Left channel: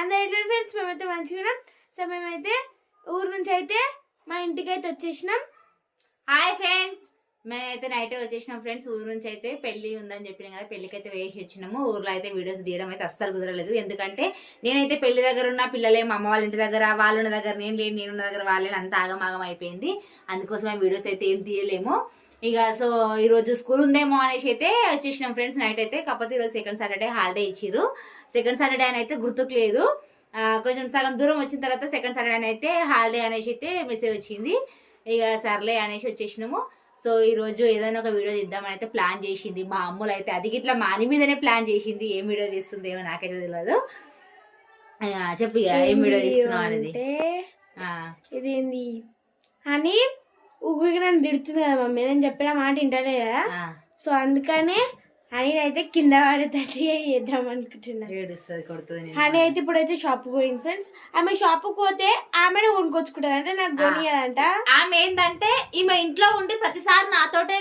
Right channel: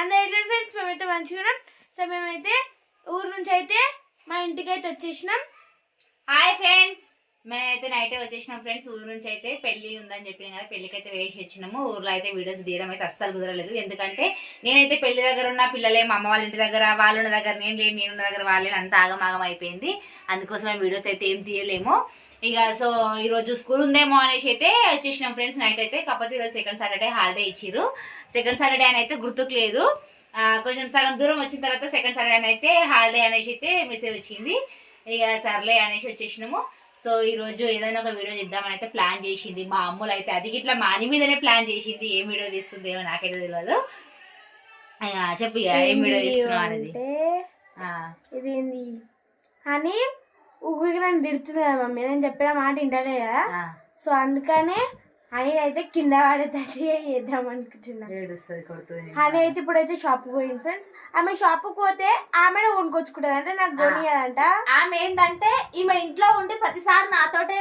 అందరూ ఎట్లా ఫ్రెండ్స్? మేమైతే మంచిగా. సో మేమైతే ఊరు నుంచి అయితే మా ఇంటికి అయితే వచ్చేసినాం. హాయ్ ఫ్రెండ్స్, మేమైతే నైట్ వచ్చేసినాం ఫ్రెండ్స్. ఊరు నుంచి అయితే పెళ్లి ఉందని చెప్పిన కదా, పెళ్లికి అయితే వేసి వచ్చినాము. ఊర్లో అయితే వీడియోస్ తీయడం అయితే అస్సలు కుదరలేదు. ఎందుకంటే నేనైతే పెళ్లి దగ్గర ఉన్న పిల్లలే మా అమ్మ వాళ్ళ ఇంటి దగ్గర, వాళ్ళ ఉన్న దగ్గర నేను లేని, నేనున్న దగ్గర వాళ్ళే, అంత ఆగమాగం అయిపోయింది. అందుకోసం వీడియోస్ అయితే ఏం తీయలేము ఇక. సో ఈరోజు స్కూల్ ఉందేమో అనేసి అయితే వచ్చేసినాం ఫ్రెండ్స్ నైట్ అయితే. కాకపోతే ఈరోజు సెకండ్ సాటర్డే హాలిడే ఇచ్చిర్రు. సెకండ్ సాటర్డే అని అయితే గుర్తుకు లేదు. కొంచెం సగం దూరం వచ్చిన తర్వాత సెకండ్ సాటర్డే అని అయితే హాలిడే అనేసి అయితే మెసేజ్ వచ్చింది. ఇక సర్లే అనేసి వచ్చేసినాము. సో ఈరోజు ఏదైనా ఒక వీడియో తీద్దామని అయితే ప్లాన్ చేసింది మా అమ్ములు అయితే. అది ఇట్లా మాని మీదనే ప్లాన్ చేసింది. ఏం వీడియో తీస్తుంది ఏమో నాకైతే తెలియదు. చెప్పు ఏం వీడియో తీస్తున్నావు అనేది. ఇదేంది అని ఊరికి నన్ను తిడుతుంది కదా మమ్మీ, నేను చెప్పిన మాట వింటలే కదా. సో అందుకనే హనీ అయితే కింద పడేటట్టు చేద్దాం అనుకుంటున్నా. హనీ అయితే ఇప్పుడైతే షాప్కి పోయింది ఫ్రెండ్స్. ఆమె షాప్కి పోతే ఆమెనే కొనుక్కొచ్చుకుంటుంది, అంటే నాకు కొనియదంట. ఆమె ఏంటంటే ఈమె ఇంట్లో ఉండి ప్రతిసారి నాతోటే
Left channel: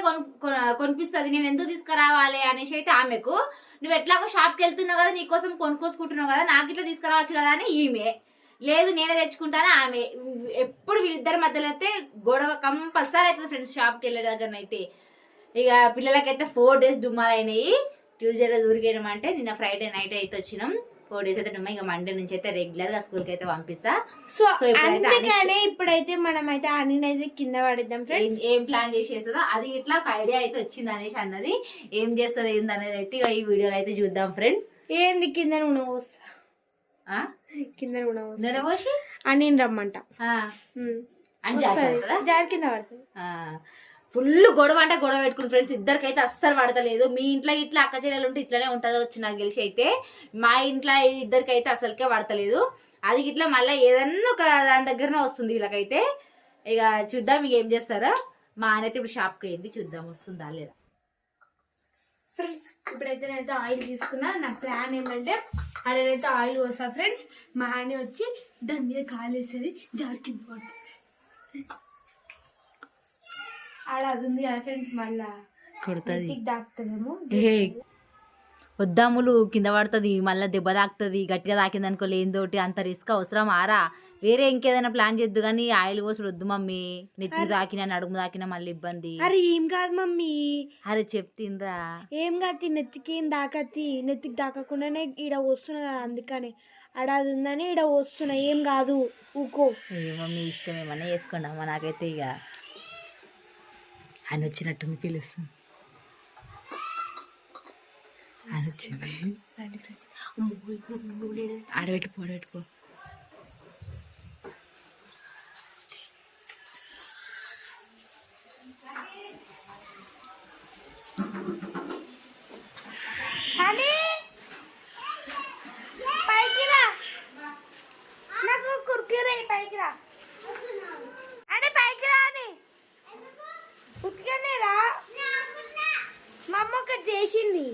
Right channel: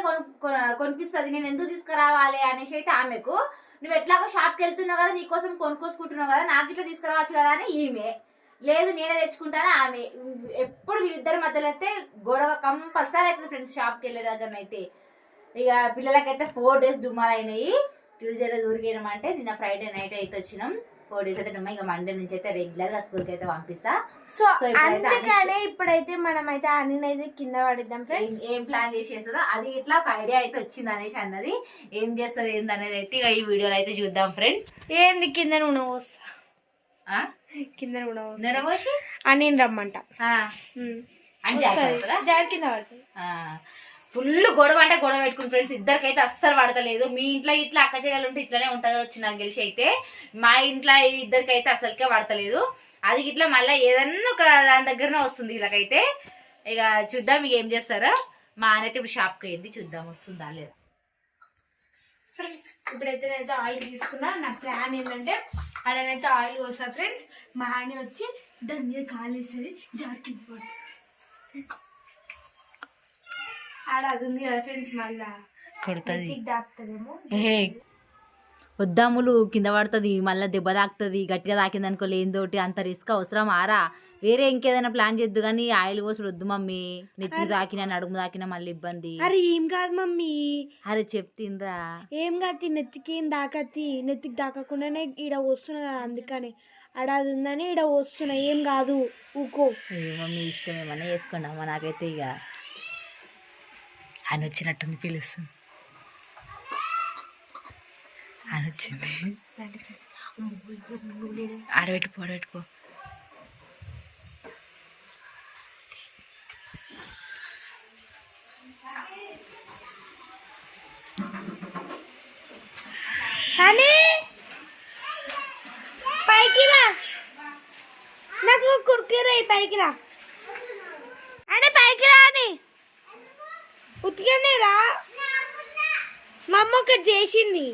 కొనిపిస్తుంది. నేను ఎందుకు తీసుకురావాలి అనేసి అయితే ఆమెకు, నువ్వు ఎట్లాగో షాప్కి వెళ్తున్నావు కదా, నీకోసం కొనుక్కొచ్చుకుంటున్నావు కదా, నాకు ఇట్లా తీసుకురావచ్చు కదా అని ఈమె. లేదు నేనే తెచ్చుకుంటాను ఆమె. ఎప్పుడు వీళ్ళిద్దరి మధ్యలో అయితే గొడవ కంపల్సరీ అవుతుంది ఫ్రెండ్స్ షాప్కి వెళ్ళే దగ్గరనైతే. ఇక పిల్లలకైతే 4 days డుమ్మాలు అయినాయి. ట్యూస్డే రోజు ఊరికేయమంటే నిన్న ఫ్రైడే నైట్ అయితే వచ్చినాం. 4 days అయితే డుమ్మా. ఇక మండే నుంచి అయితే రెగ్యులర్ గా స్కూల్కి అయితే పంపిస్తా. సో అందుకనే ఇప్పుడైతే మనం అయితే అన్ని అయితే కింద పడిద్దాం ఫ్రెండ్స్. ఏం ప్లాన్ చేసేస్తుందో అది ఇట్లా ఒక ఐడియా అయితే వచ్చింది అనేసి అన్నది. ఏం చేస్తుంది ఏంది అనేది అయితే ఇక ఈ వీడియోలో అయితే చూద్దాం ఫ్రెండ్స్. ఏంది కింద నూనె పోస్తా, కింద నూనె పోసి అని రమ్మంట జారి కింద పడుతుంది. ఫుల్ గొడవ అంటే గొడవ పెట్టుకుని ఫ్రెండ్స్. ఇద్దరికైతే అస్సలు పడతలేదు. మీ ఇంట్లో ఇట్లా అక్క చెల్లెలు ఉంటే ఇట్లానే ఉంటుంది వచ్చి నాకు గెలిచి అయితే. మా ఇంట్లో ఇద్దరికైతే అసలుకే పడతలేదు. అది ఇట్లా మళ్ళీ ఏదన్నా ఒక దాని దగ్గరనే వస్తుంది వీళ్ళకైతే. ఇక చూద్దాం ఇక ఏం చేస్తారో. మా ఆయన అయితే ఇప్పుడు షాప్కి వెళ్ళి చూద్దాం వస్తుందా లేదా. ఫ్రెండ్స్ ఇప్పుడైతే నేనైతే ఆయిల్ తీసుకున్నా. నా ప్లాన్ ఏంటంటే ఆడనైతే ఆయిల్ పోస్తా ఫ్రెండ్స్. మా ఆయన వచ్చి దాని మీద కాలు వేసేది జారికి పడుతుంది. ఆడ అది ఉంది కదా ఫ్రెండ్స్, మళ్ళా కొడుతుంది దాకుతుందేమో. వద్దాములు కింద పడుతుంది, మళ్ళీ దెబ్బ తాకుతుంది. గట్టిగా తాకింది అనుకో లేనితోటి అంత రిస్క్ అవసరం ఆరా. వేరే ఇంకేదైనా ప్లాన్ చేద్దు కానీ ఆయిల్ పోసుడు వద్దు మమ్మీ. నెత్తి తాకినా నడుము తాకినా మళ్ళీ ఇబ్బంది. అరే ఏం కాదు మమ్మీ, అరే చెప్తిండ్రా. ఏం కాదు, నెత్తికి ఏం దాకత్తి. నెత్తికి దాకకుండానే ఈడ వస్తున్నా కదా, అందుకని ఆడ అది ఉందని ఈడ వస్తున్నా. ఏం కాదు ఊకో. మమ్మీ ఇష్టం ఏమన్నా చేసుకోండి అమ్మ. నాకైతే ఇక ఆయన వచ్చినట్టుంది, పిలుస్తుంది. ఆయన వచ్చింది. ఆడబెట్టుకో ఆడబెట్టుకో. పైకి రా, నాకు కుర్కురే పైకి రా అంటే పైకి రా అని ఉతికనే రా. మా అమ్మ ఒకటి చేసింది.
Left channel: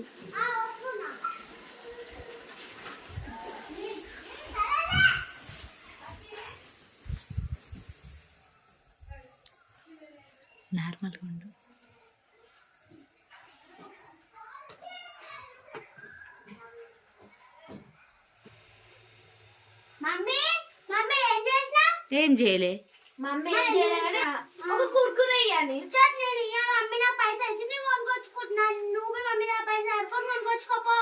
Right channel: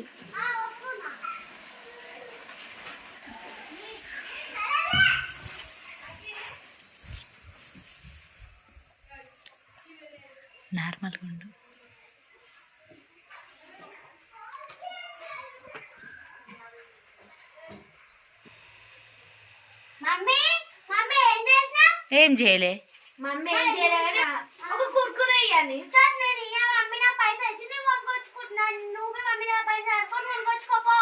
నార్మల్గా ఉండు. ఏం చేయలే మమ్మీ, ఒక కుర్కురే ఇవ్వాలి. మమ్మీ నా పైసలు ఇచ్చి నేను కొనుక్కొచ్చుకుంటున్నాను. నువ్వు మమ్మీ నా పైసలు ఎప్పుడు కొనుక్కొచ్చుకోపో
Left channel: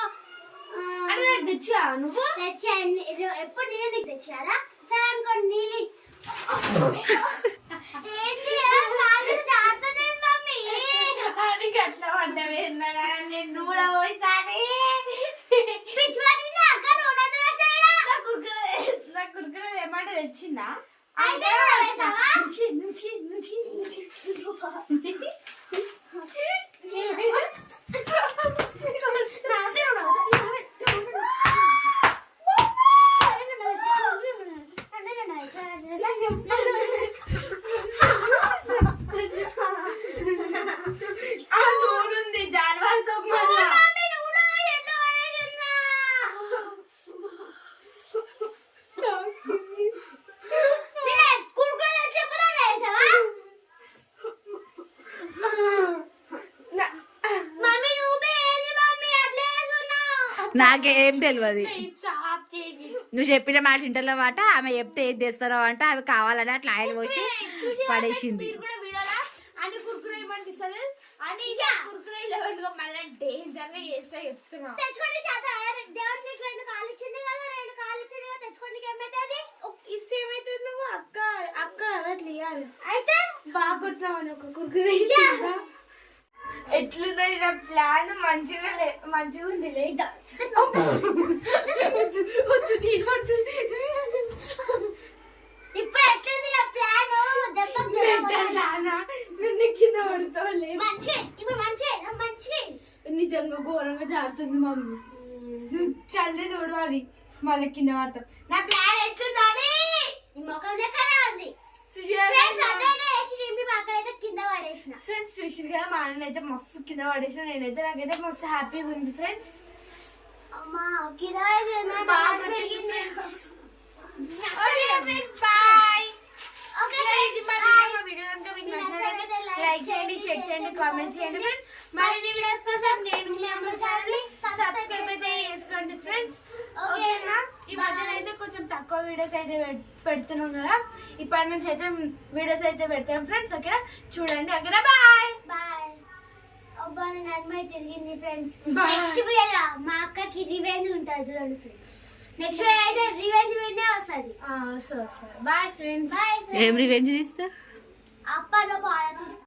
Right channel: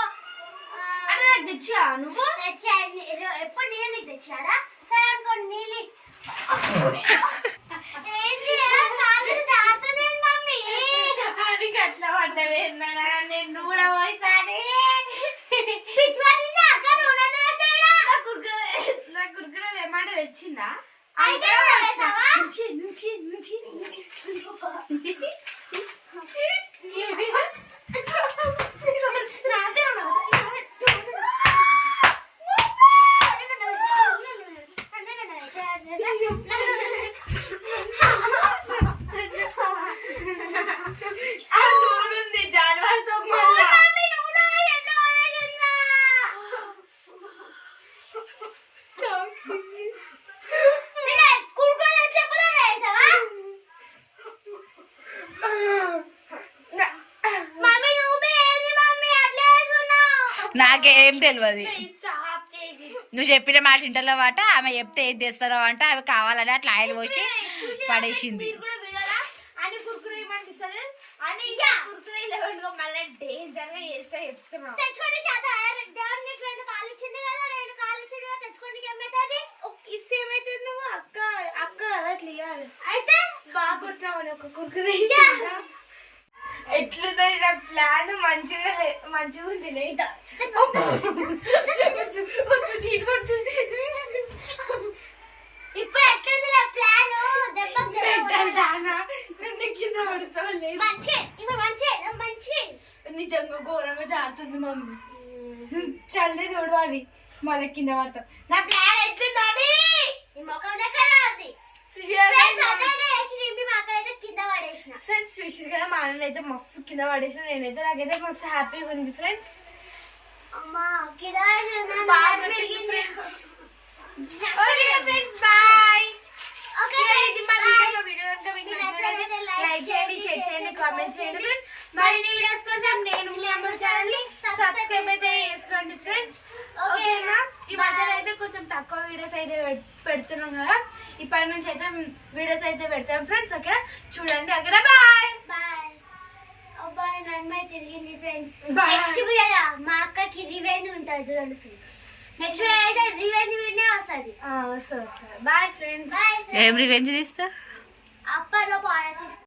అంటే నాకు తెచ్చా. నువ్వు తెచ్చా ఎప్పుడు నేను నీకు తెచ్చారా? సరే అనుకోండి నీళ్ళు అట్లా పడ్డవే. నేను కూడా పోయిసారి నా కుర్కురే ఏమంటే తెచ్చిందా? నాకేం తెలియదు. నువ్వు చెప్పిన మాట ఇంటర్లో వాట ఆమె చెప్తే ఏది తెస్తారో అంట ఆమె కావాలని అట్లా ఆయిల్ పోసి పడేసింది. అని కుర్కురే ఏమనిపిస్తుంది అని కుర్కురే లెవెల్లో మళ్ళీ డేంజర్ గా చేస్తే చెప్తున్నా. తెచ్చుకోండి దేవుడికి 2 కాళ్ళు ఇచ్చింది కదా, 2 కాళ్ళు ఇచ్చింది కదా, తెచ్చుకోండి ఏమైతుంది? ఇస్తే ఏమైతుంది? నువ్వు అక్క అక్క అలా క్లియర్ అయితే బాగా కొట్టినావు ఒక కుర్కురే. ఎట్లుంది నా ప్లాన్? మంచిగా మంచిగా ఉంది. ఇప్పుడు ఎట్లుంది నా ప్లాన్? కింద పడుతుంది. నిజంగా ఘోరంగా జారుతుంది మమ్మీ. చల్లి చూడు అది మళ్ళీ కింద పడతాం. నా ప్లాన్ ఎట్లుంది? ముఖం లెక్కనే ఉంది. కింద పడేసిన ఫ్రెండ్స్. చూసారు కదా మా అన్న అయితే మస్తు కింద పడేసిన. నేనైతే నాకైతే మస్తు హ్యాపీగా ఉంది ఫ్రెండ్స్. అమ్మా కింద లైక్ చేయండి, షేర్ చేయండి, కామెంట్ చేయండి ఫ్రెండ్స్. మరిన్ని వీడియోస్ కోసం నేను మీ అమ్మ ఛానల్ ని సబ్స్క్రైబ్ అయితే చేసుకోండి ఫ్రెండ్స్. ఓకేనా? ఈ మధ్యలో అయితే కొంచెం తక్కువ వీడియోస్ అయితే పెడుతున్నాం కదా, ఇప్పటి నుంచి అయితే వీడియోస్ అయితే పెడతాం ఫ్రెండ్స్. ఓకేనా? చూడండి అక్కడ. Bye bye. అబ్బా నేను అమ్మాయి తిరిగింది ఫ్రెండ్స్. నెక్స్ట్ వీడియోలో మా అక్కకి రివెంజ్ ఉంటుంది చూడండి ఫ్రెండ్స్. నెక్స్ట్ వీడియో అయితే రివెంజ్ వీడియో వస్తుంది. వస్తుంది. Bye friends. ఏం రివెంజ్ తీస్తా? అప్పలో బాగా చేస్తా.